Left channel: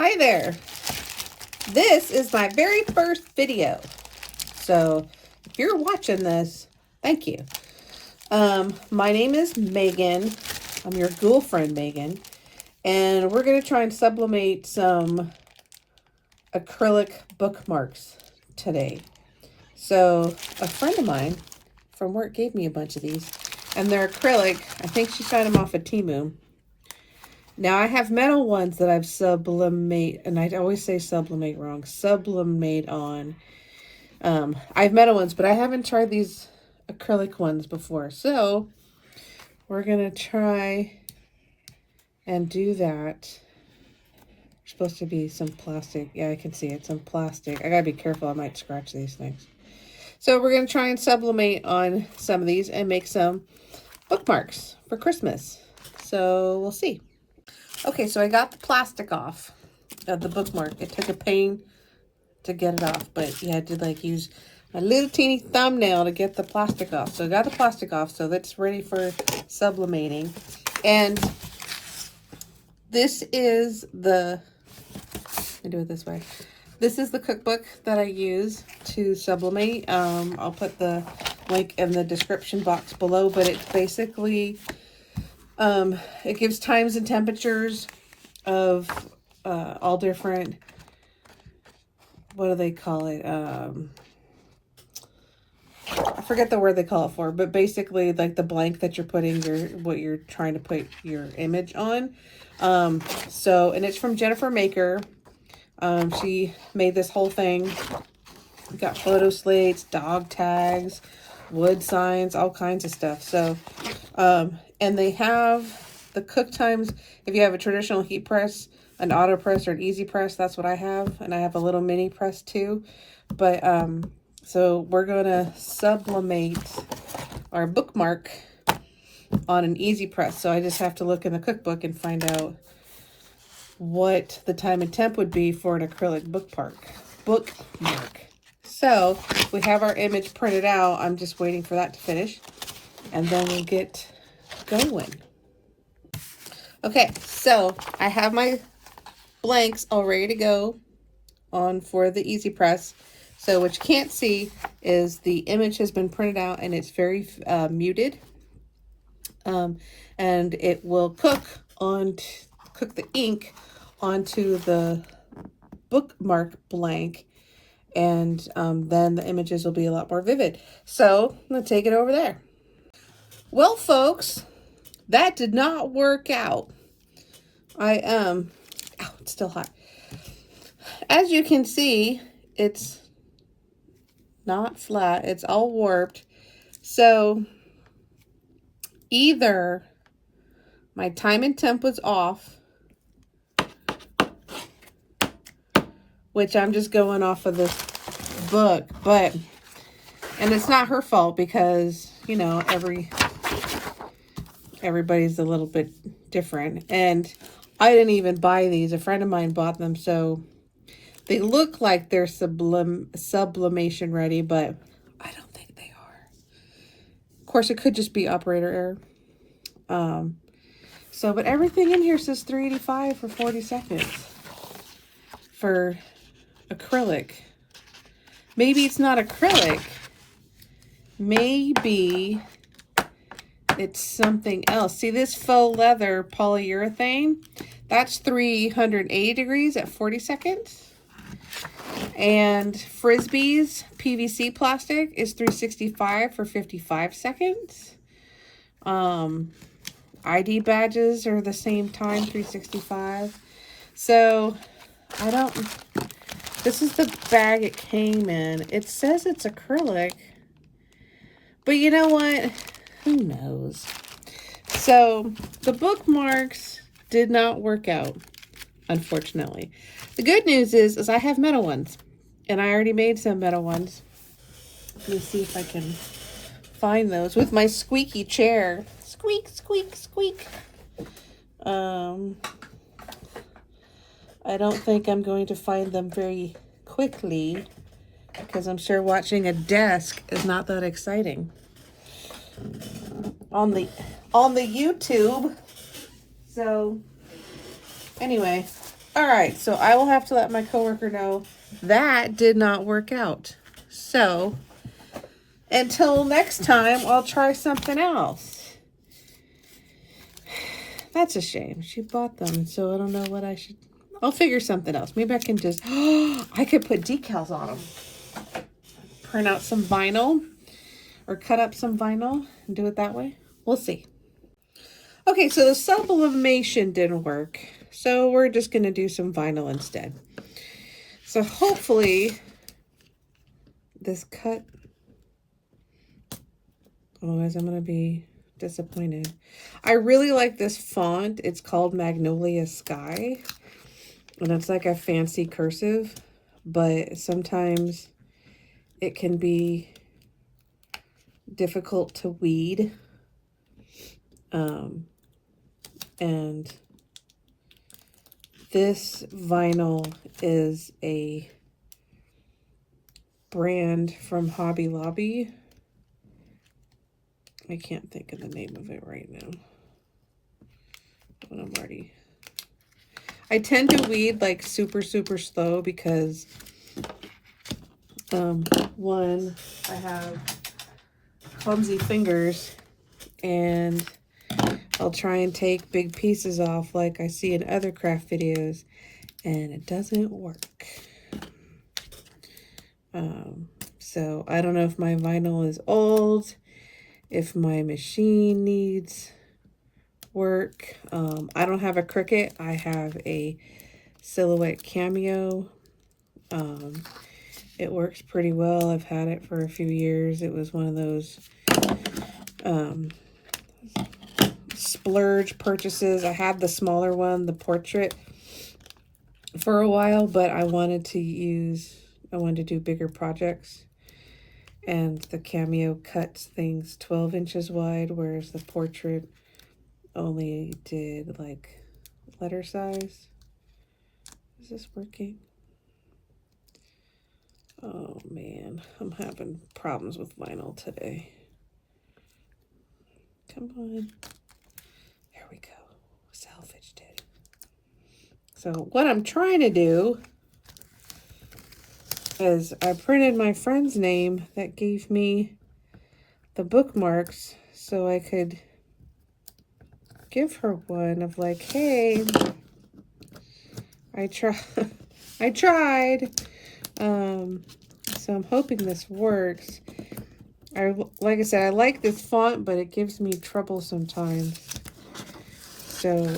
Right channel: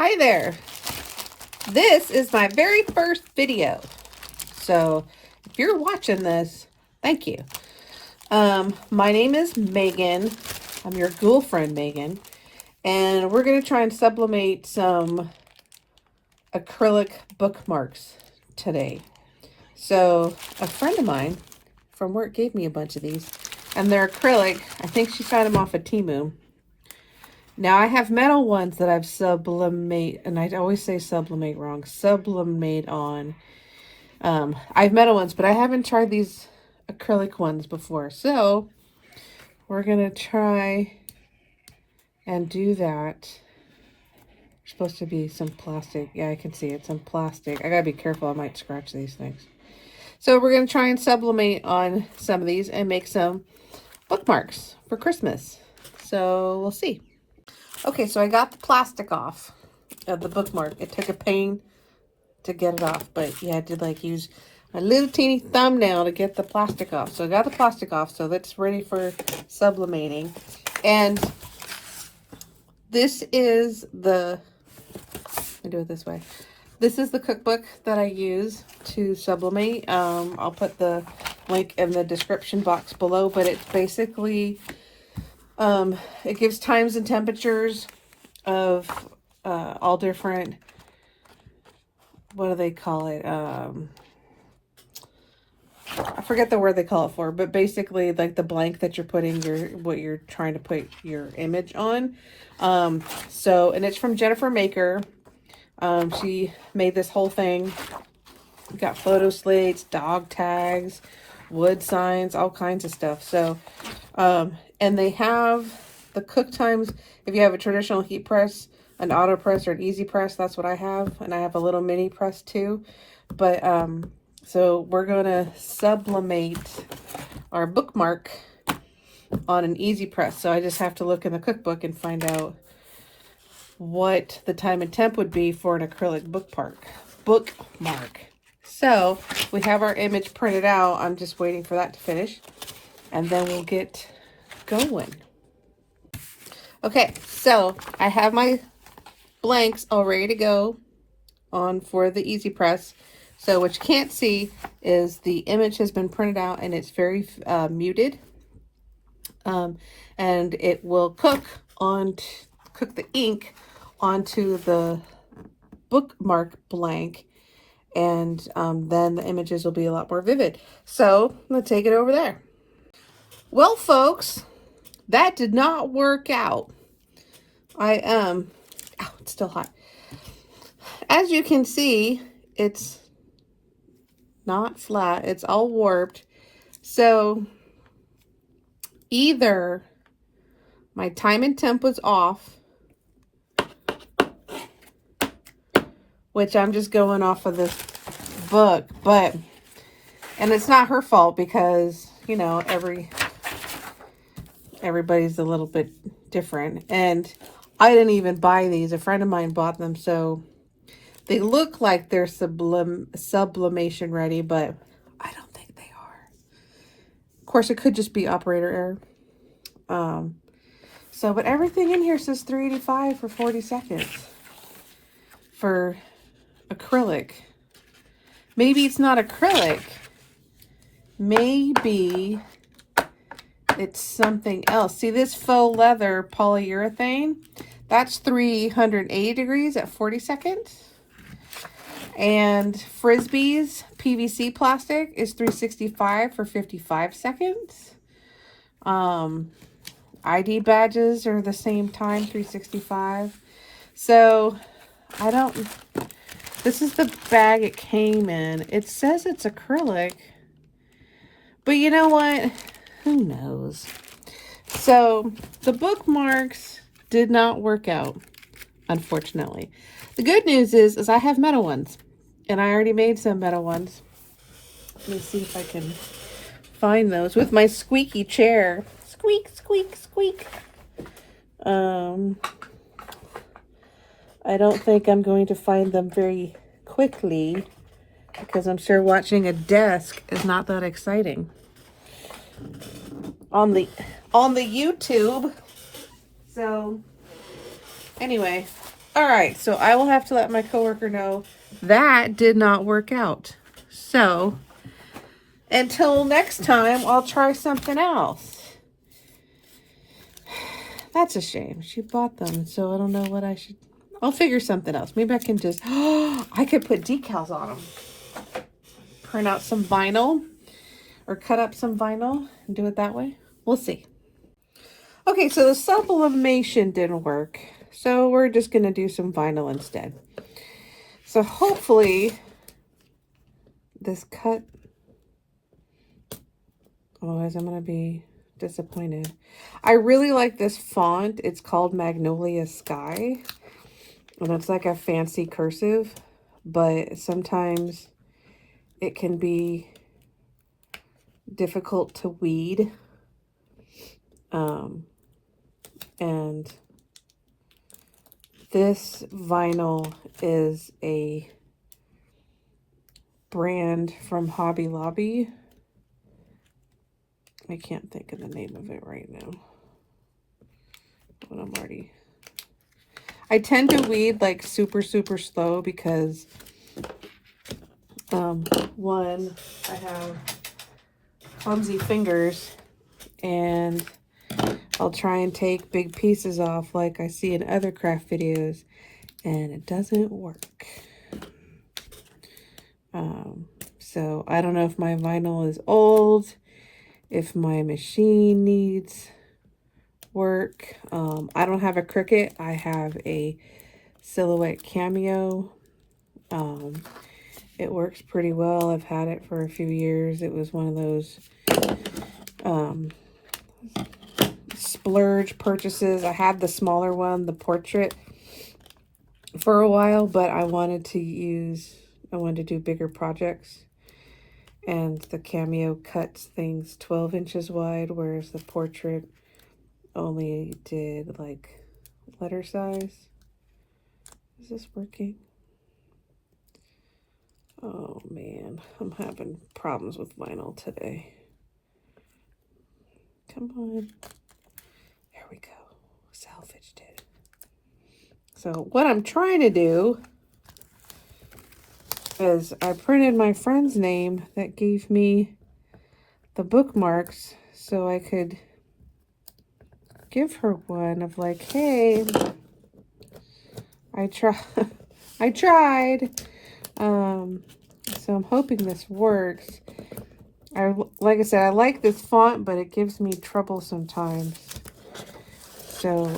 Hi there. This is my very first video. So if you're watching this, thank you. My name is Megan. I'm your girlfriend, Megan. And we're going to try and sublimate some acrylic bookmarks today. So a friend of mine from work gave me a bunch of these. And they're acrylic. I think she found them off of Temu. Now, I have metal ones that I've sublimate, and I always say sublimate wrong, sublimate on. I have metal ones, but I haven't tried these acrylic ones before. So, we're going to try and do that. There's supposed to be some plastic. Yeah, I can see it, some plastic. I got to be careful. I might scratch these things. So, we're going to try and sublimate on some of these and make some bookmarks for Christmas. So, we'll see. Okay, so I got the plastic off of the bookmark. It took a pain to get it off, but you had to like use a little teeny thumbnail to get the plastic off. So I got the plastic off, so that's ready for sublimating. And this is the, let me do it this way. This is the cookbook that I use to sublimate. I'll put the link in the description box below, but it's basically it gives times and temperatures of all different, what do they call it? I forget the word they call it for, but basically like the blank that you're putting what you're trying to put your image on. So, and it's from Jennifer Maker. She made this whole thing. Got photo slates, dog tags, wood signs, all kinds of stuff. So, and they have the cook times. If you have a traditional heat press, an auto press, or an easy press, that's what I have. And I have a little mini press too. But, so we're going to sublimate our bookmark on an easy press. So I just have to look in the cookbook and find out what the time and temp would be for an acrylic bookmark. So we have our image printed out. I'm just waiting for that to finish, and then we'll get going. Okay, so I have my blanks all ready to go on for the easy press. So what you can't see is the image has been printed out and it's very muted, and it will cook the ink onto the bookmark blank, and then the images will be a lot more vivid. So let's take it over there. Well, folks, that did not work out. Ow, it's still hot. As you can see, it's not flat. It's all warped. So either my time and temp was off, which I'm just going off of this book, and it's not her fault because, you know, everybody's a little bit different. And I didn't even buy these. A friend of mine bought them, so they look like they're sublimation ready, but I don't think they are. Of course, it could just be operator error. So, but everything in here says 385 for 40 seconds for acrylic. Maybe it's not acrylic. Maybe it's something else. See this faux leather polyurethane? That's 380 degrees at 40 seconds. And Frisbee's PVC plastic is 365 for 55 seconds. ID badges are the same time, 365. So, this is the bag it came in. It says it's acrylic. But you know what? Who knows? So, the bookmarks did not work out, unfortunately. The good news is I have metal ones. And I already made some metal ones. Let me see if I can find those with my squeaky chair. Squeak, squeak, squeak. I don't think I'm going to find them very quickly because I'm sure watching a desk is not that exciting. On the YouTube. So anyway, All right, so I will have to let my coworker know that did not work out. So until next time, I'll try something else. That's a shame. She bought them, so I don't know what I should. I'll figure something else. Maybe I can just, I could put decals on them. Print out some vinyl or cut up some vinyl and do it that way. We'll see. Okay, so the sublimation didn't work. So we're just going to do some vinyl instead. So hopefully this cut, otherwise I'm going to be disappointed. I really like this font. It's called Magnolia Sky. And it's like a fancy cursive, but sometimes it can be difficult to weed. And this vinyl is a brand from Hobby Lobby. I can't think of the name of it right now. But I tend to weed like super slow because one, I have clumsy fingers and I'll try and take big pieces off like I see in other craft videos and it doesn't work. So I don't know if my vinyl is old, if my machine needs work. I don't have a Cricut. I have a Silhouette Cameo. It works pretty well. I've had it for a few years. It was one of those splurge purchases. I had the smaller one, the portrait, for a while, but I wanted to do bigger projects. And the Cameo cuts things 12 inches wide, whereas the portrait only did like letter size. Is this working? Oh man, I'm having problems with vinyl today. Come on. There we go. Salvaged it. So what I'm trying to do is I printed my friend's name that gave me the bookmarks so I could give her one of like, hey, I tried. So I'm hoping this works. Like I said, I like this font, but it gives me trouble sometimes. So,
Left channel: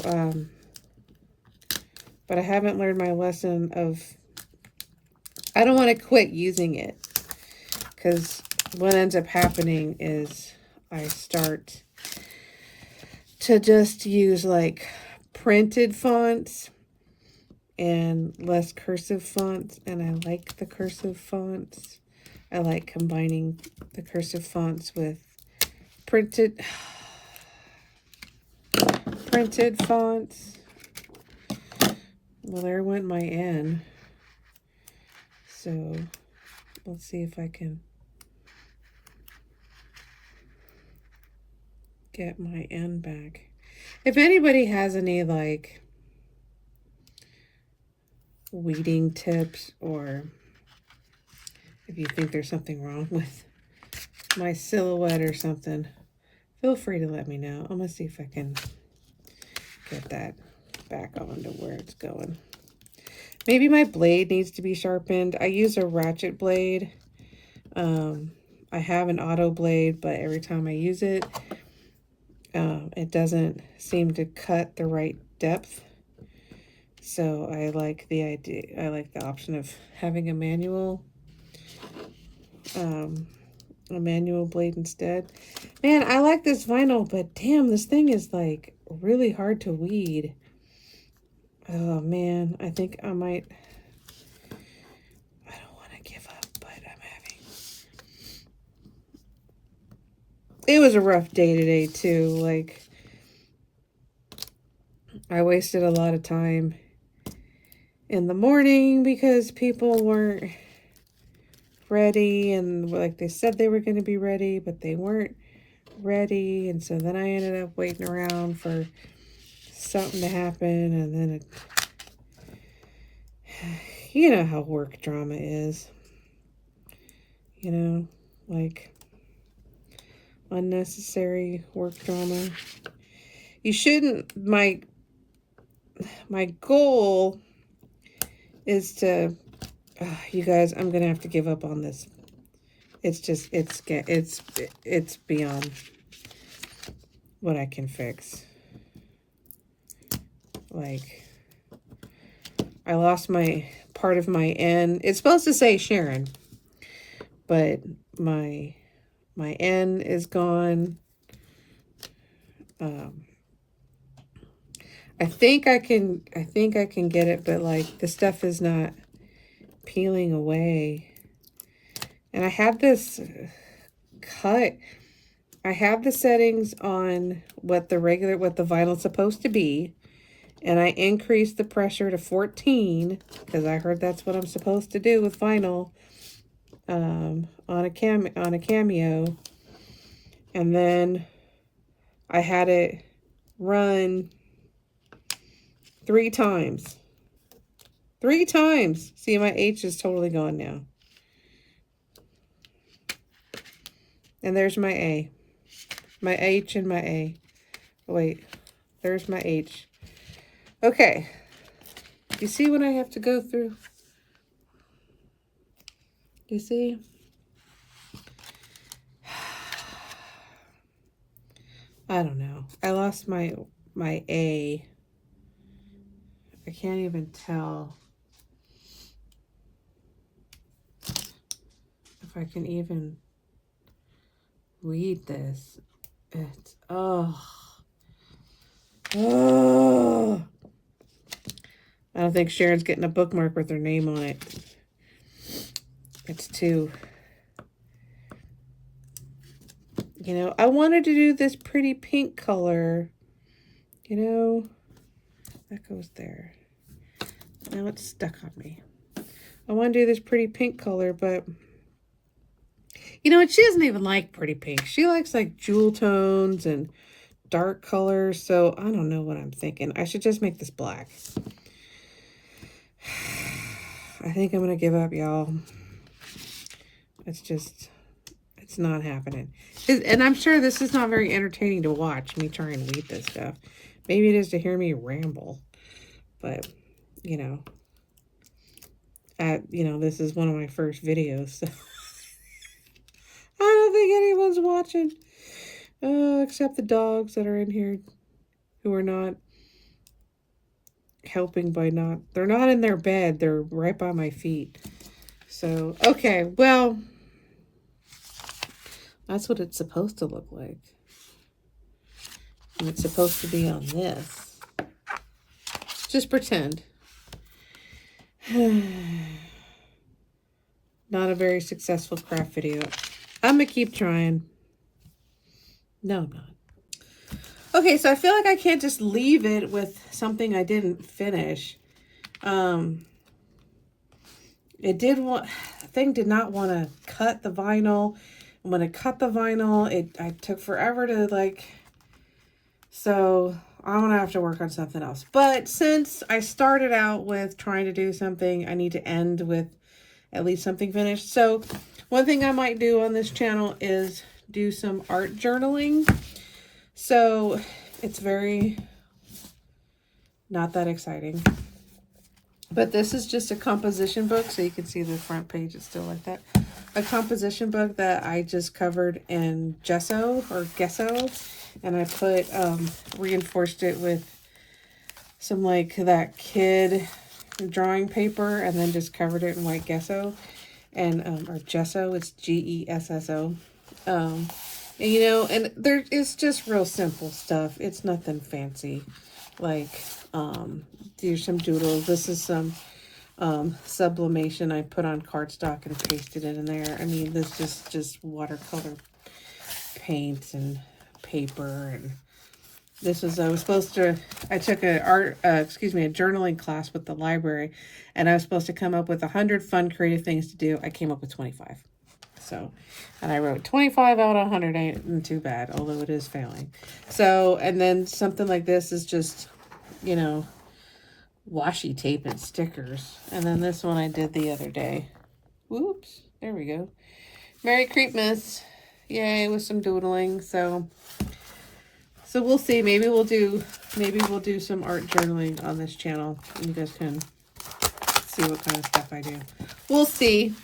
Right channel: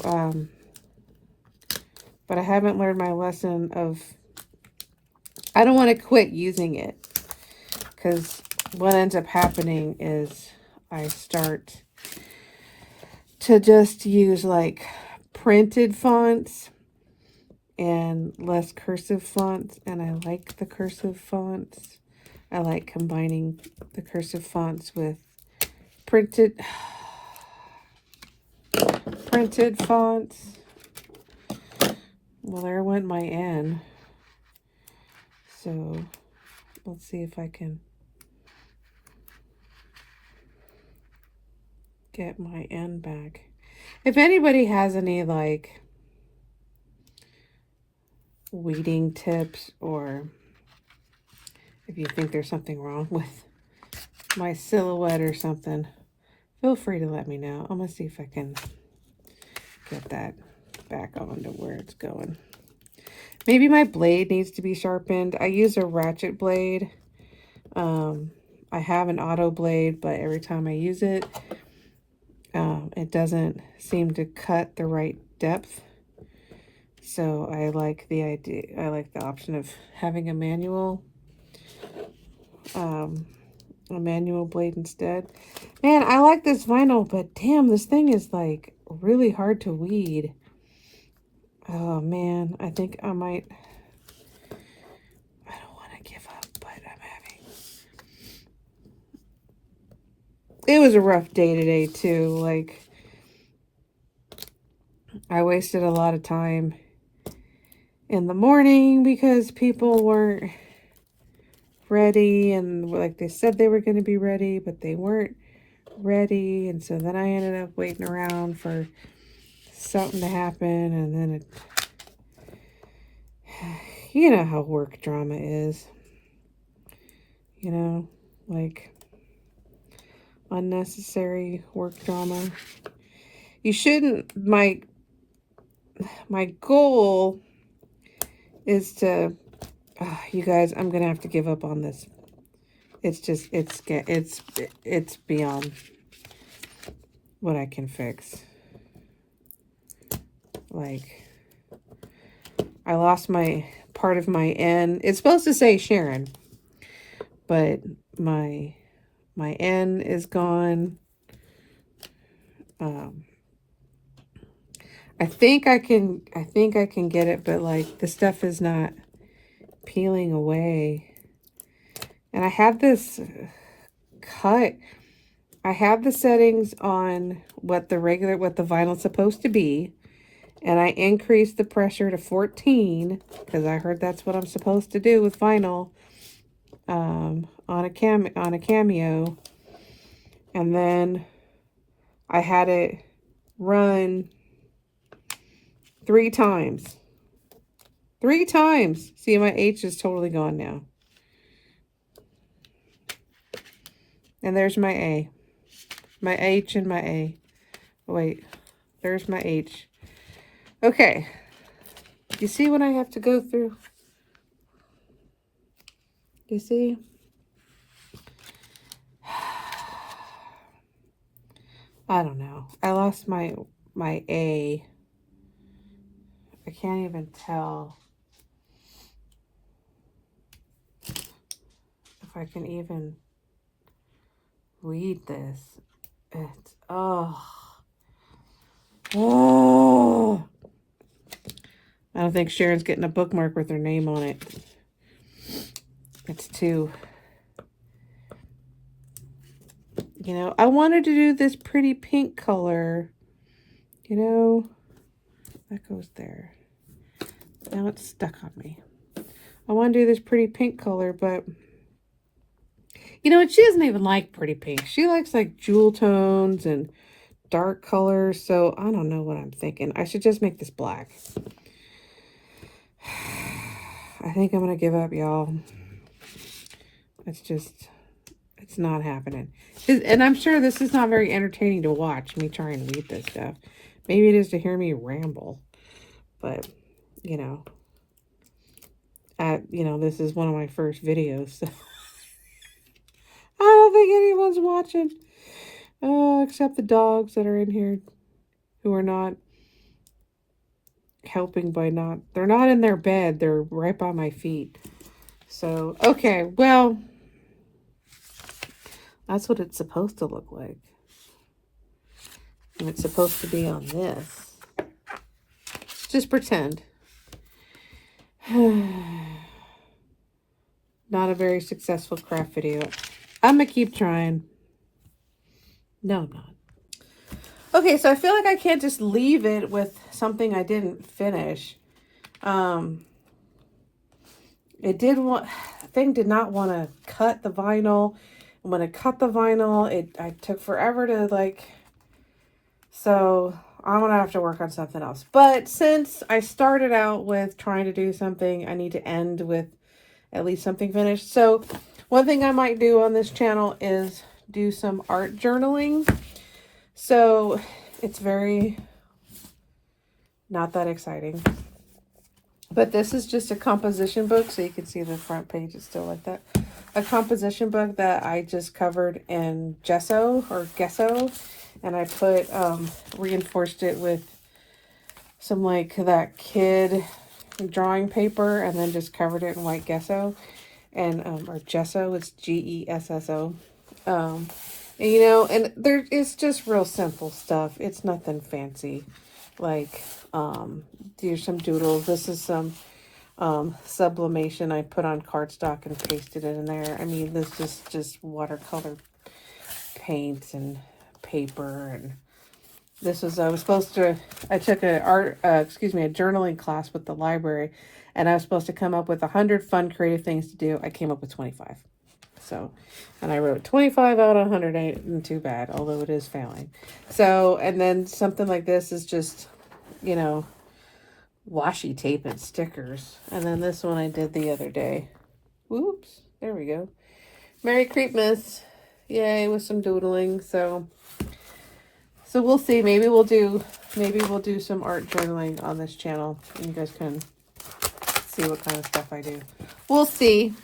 but I haven't learned my lesson of, I don't want to quit using it, because what ends up happening is I start to just use like printed fonts and less cursive fonts, and I like the cursive fonts. I like combining the cursive fonts with printed fonts. Well, there went my N. So let's see if I can get my N back. If anybody has any like weeding tips, or if you think there's something wrong with my silhouette or something, feel free to let me know. I'm gonna see if I can get that back on to where it's going. Maybe my blade needs to be sharpened. I use a ratchet blade. I have an auto blade, but every time I use it, it doesn't seem to cut the right depth. So I like the option of having a manual blade instead. Man, I like this vinyl, but damn, this thing is like really hard to weed. Oh man, I think I don't want to give up, but it was a rough day today too. Like, I wasted a lot of time in the morning because people weren't ready, and like they said they were going to be ready, but they weren't ready. And so then I ended up waiting around for something to happen, and then you know how work drama is. You know, like unnecessary work drama. You shouldn't, my goal is to, you guys, I'm going to have to give up on this. It's just, it's beyond what I can fix. Like, I lost my part of my N. It's supposed to say Sharon, but my N is gone. I think I can get it, but like the stuff is not peeling away. And I have this cut. I have the settings on what the vinyl's supposed to be. And I increased the pressure to 14 because I heard that's what I'm supposed to do with vinyl on a Cameo. And then I had it run 3 times. 3 times. See, my H is totally gone now. And there's my A. My H and my A. Wait, there's my H. Okay. You see what I have to go through? You see? I don't know. I lost my A. I can't even tell if I can even read this. It's, oh. I don't think Sharon's getting a bookmark with her name on it. It's too, you know, I wanted to do this pretty pink color, you know, that goes there. Now it's stuck on me. I want to do this pretty pink color, but you know, she doesn't even like pretty pink. She likes like jewel tones and dark colors. So I don't know what I'm thinking. I should just make this black. I think I'm going to give up, y'all. It's not happening. And I'm sure this is not very entertaining to watch, me trying to eat this stuff. Maybe it is to hear me ramble. But, you know, this is one of my first videos, so I don't think anyone's watching. Except the dogs that are in here who are not helping by they're not in their bed. They're right by my feet. So, okay, well, that's what it's supposed to look like. And it's supposed to be on this. Just pretend. Not a very successful craft video. I'm going to keep trying. No, I'm not. Okay, so I feel like I can't just leave it with something I didn't finish. The thing did not want to cut the vinyl. And when it cut the vinyl, I took forever to like, so I'm going to have to work on something else. But since I started out with trying to do something, I need to end with at least something finished. So one thing I might do on this channel is do some art journaling. So it's very not that exciting. But this is just a composition book, so you can see the front page is still like that. A composition book that I just covered in gesso or gesso, and I put reinforced it with some like that kid drawing paper, and then just covered it in white gesso and or gesso. It's Gesso. You know, and it's just real simple stuff. It's nothing fancy. Like, there's some doodles. This is some sublimation I put on cardstock and pasted it in there. I mean, this is just watercolor paints and paper. And this was, I took a journaling class with the library, and I was supposed to come up with 100 fun, creative things to do. I came up with 25. So, and I wrote 25 out of 100 ain't too bad, although it is failing. So, and then something like this is just, you know, washi tape and stickers. And then this one I did the other day. Whoops, there we go. Merry Creepmas. Yay, with some doodling. So we'll see. Maybe we'll do some art journaling on this channel. You guys can see what kind of stuff I do. We'll see.